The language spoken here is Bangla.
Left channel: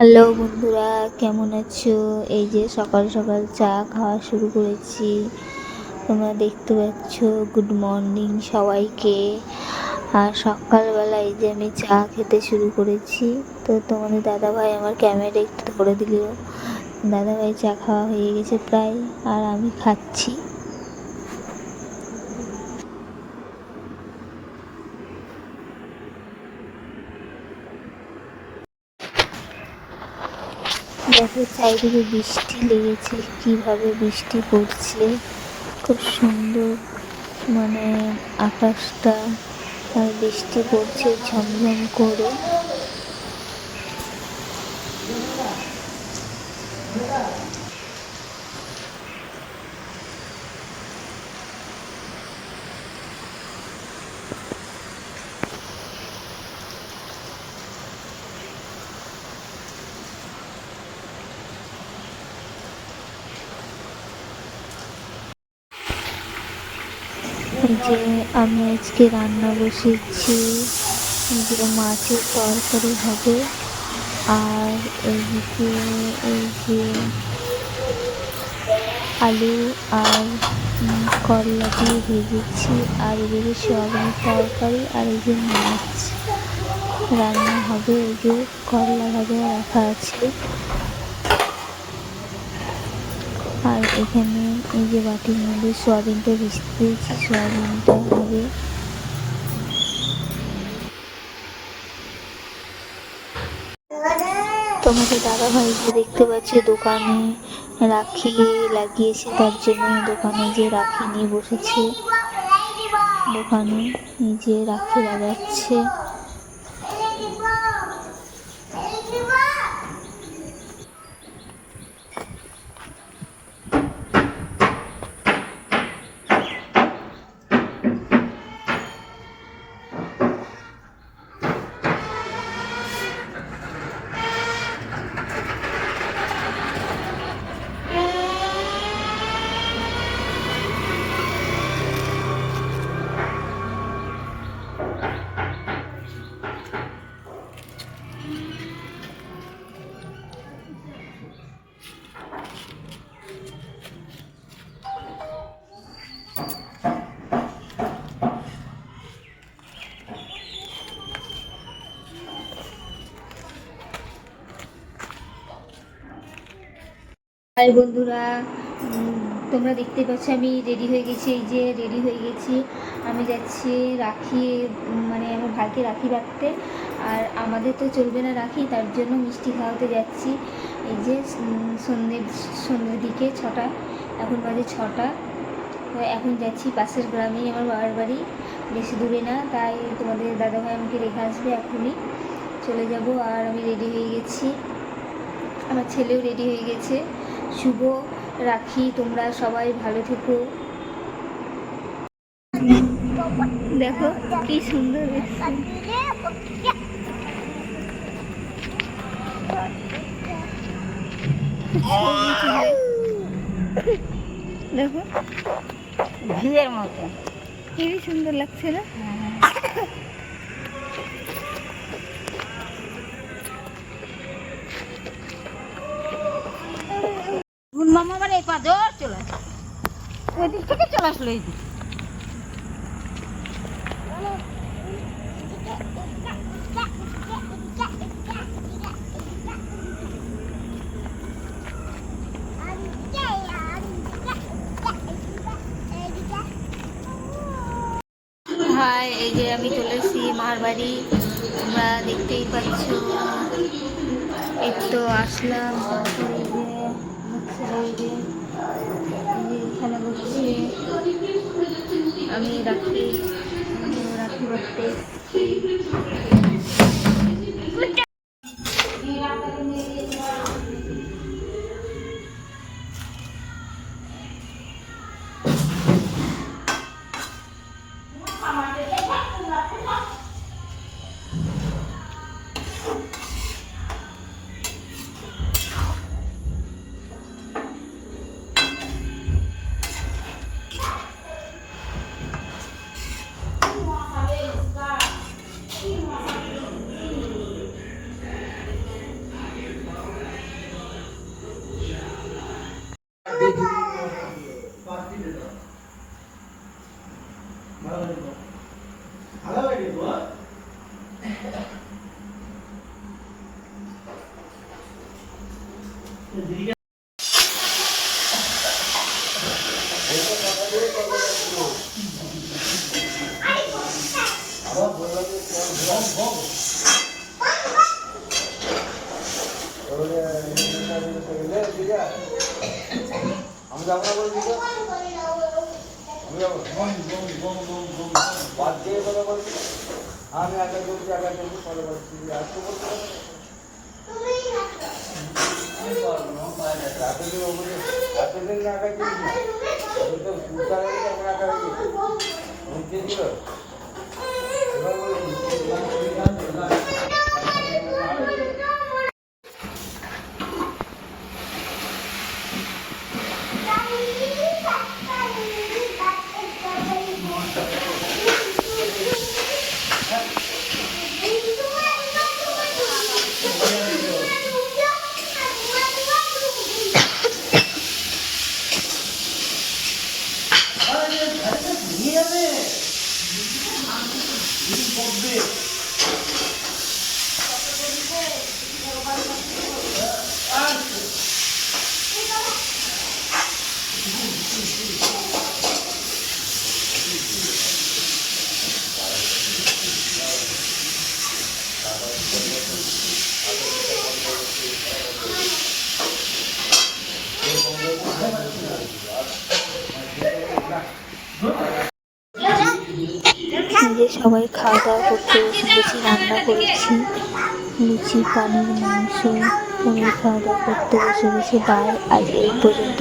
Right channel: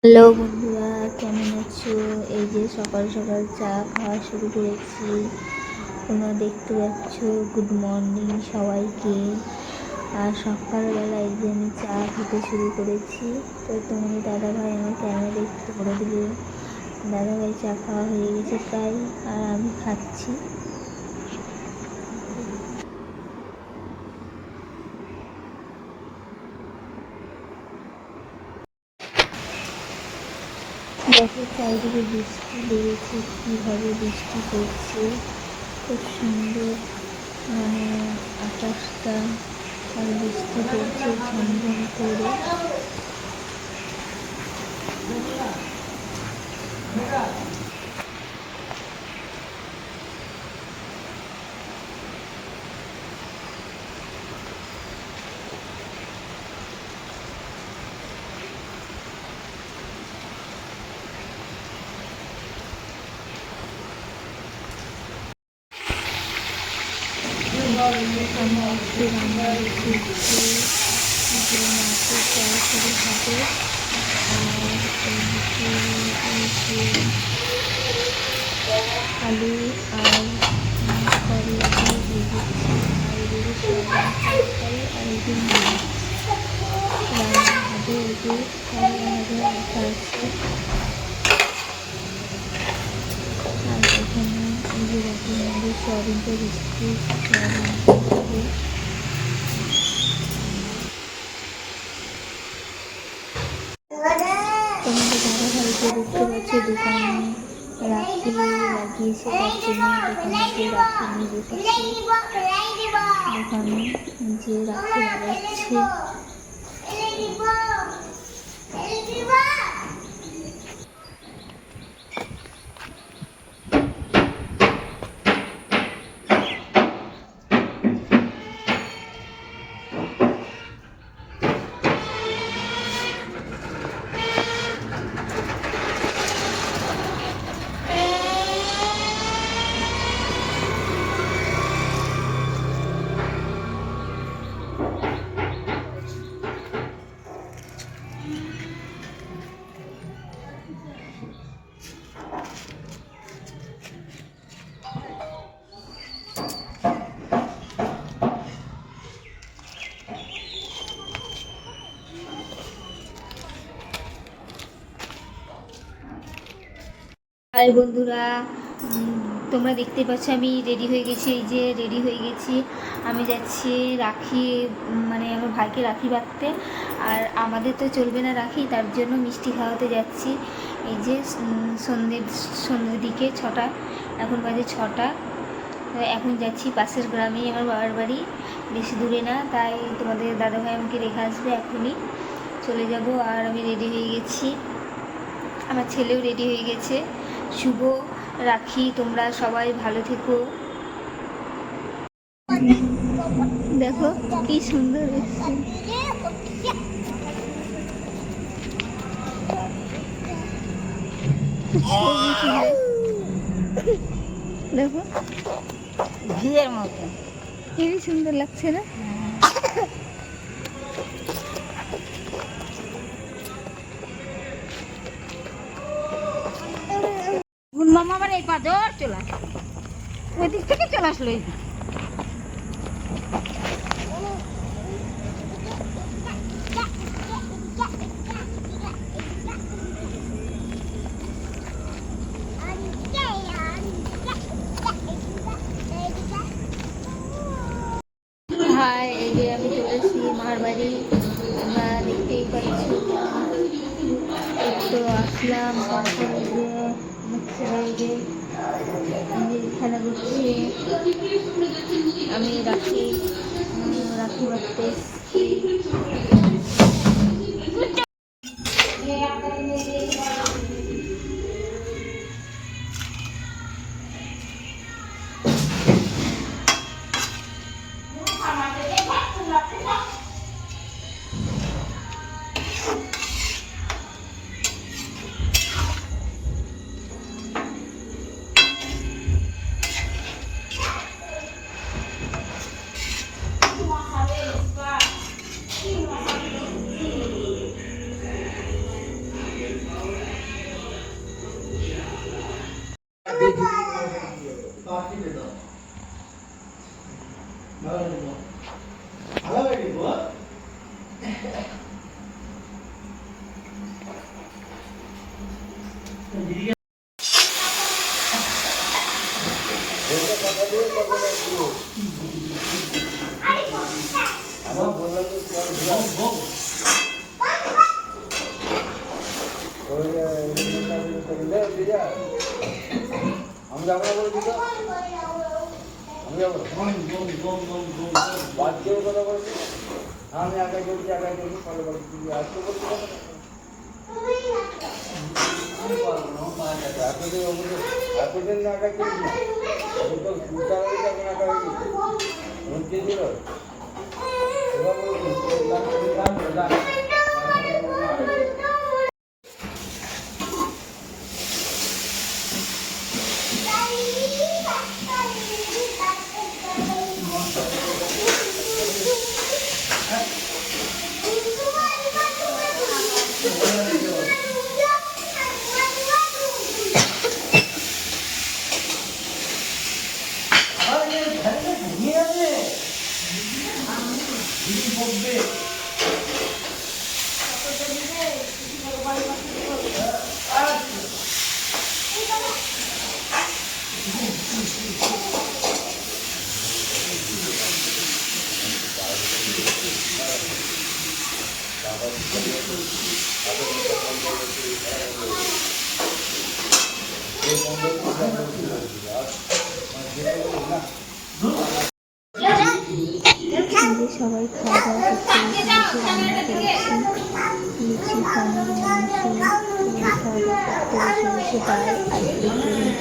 হ্যালো বন্ধুরা, কেমন আছো? এই যে সকাল সকাল চা খাওয়া শুরু করেছি। তোমরা দেখতে পাচ্ছ। গুড মর্নিং সবাইকে। আর সকালবেলা এই যে আমি চা খেতে শুরু করেছি। তো তোমাদের দাদাভাই আমার ক্যামেরা একটু ধরে দিল। দাদাভাই চা খাওয়া হয়ে গেছে প্রায়, আর আমি খাচ্ছি। দেখো চারিদিকে বৃষ্টি লেগেছে, কিভাবে বৃষ্টি পড়ছে। খুব সুন্দর, মানে আকাশটা, আর বৃষ্টি পড়ছে ঝমঝম করে। যে আমি আজকে রান্না বসেছি, যে মাছের তরকারি হবে। আর এইদিকে এই যে আলু আর করলা দিয়ে ভেজেছি, আর এদিকে সয়াবিন তরকারি, আর এই যে মাছ রান্না হবে। এই যে করলা ভাজা রাখা আছে। আর এখানে এই যে বাটির মধ্যে সয়াবিনটা ভেজে দিয়েছি, সয়াবিনটা হবে। তোমাদের দাদাভাইকে দেখতে পাচ্ছি দোকানে রাখি লাগিয়েছে, তার জন্য দোকানে যে রাখি নিয়ে বসেছে। দোকানে যে রাখি লাগাচ্ছে। হাই বন্ধুরা, তোমরা দেখতে পাচ্ছ আমি রেডি হয়ে গেছি। এই যে রেডি হয়ে গেছি, আমি যাচ্ছি রাখি, মানে আমার ভাইকে রাখি বাঁধতে। আর আমাদের তো চলবে না রাখি, তার জন্য মিষ্টি খাওয়াতে যাচ্ছি। এই যে সন্ধ্যের দিকে 6টা, এখন বাজে 6টা। তো এখন যাচ্ছি পাশের গ্রামেই আমার বাবার বাড়ি, বেশি দূরে না। তাই তোমাদের দাদাভাই আমাকে রেখে আসবে, এখনই চলে যাব। আর আমি রেডি হয়ে গেছি, আমার ছেলেও রেডি হয়ে গেছে। শুভ রাখি, তোমরা সবাই ভালো থেকো। দেখো কি সুন্দর এসছে। দেখো ঘিয়ের মতো খুবই সুন্দর লাগছে না? মামা মানে এই পা ধর চলে আসলো, ওই দিক থেকে চলে আসলো। এই হাই, এই যে আমি চলে এসেছি মার বাড়ি, তোমরা দেখতেই পাচ্ছ। এই তো আসলাম, এখানে বসছি আমি। রাখি রাখি বাঁধতে এসেছি। আমি যাবো না বলছি তো, আমি যাবো বাদ দিয়ে কথা বলছি। আমি একা করছি ফলো করছি আসতে বলছি এতদিন না একা কিনিস না, তো সুতা তখন একা হয়ে গেছে কে দিল এবার বলছি। যে সবাই খাওয়া দাওয়া করতে এসে গেছি, রান্না করেছি লুচি, পানির মাংস, সবাই খাওয়া দাওয়া করতে বসে বাই। আজ এই পর্যন্ত।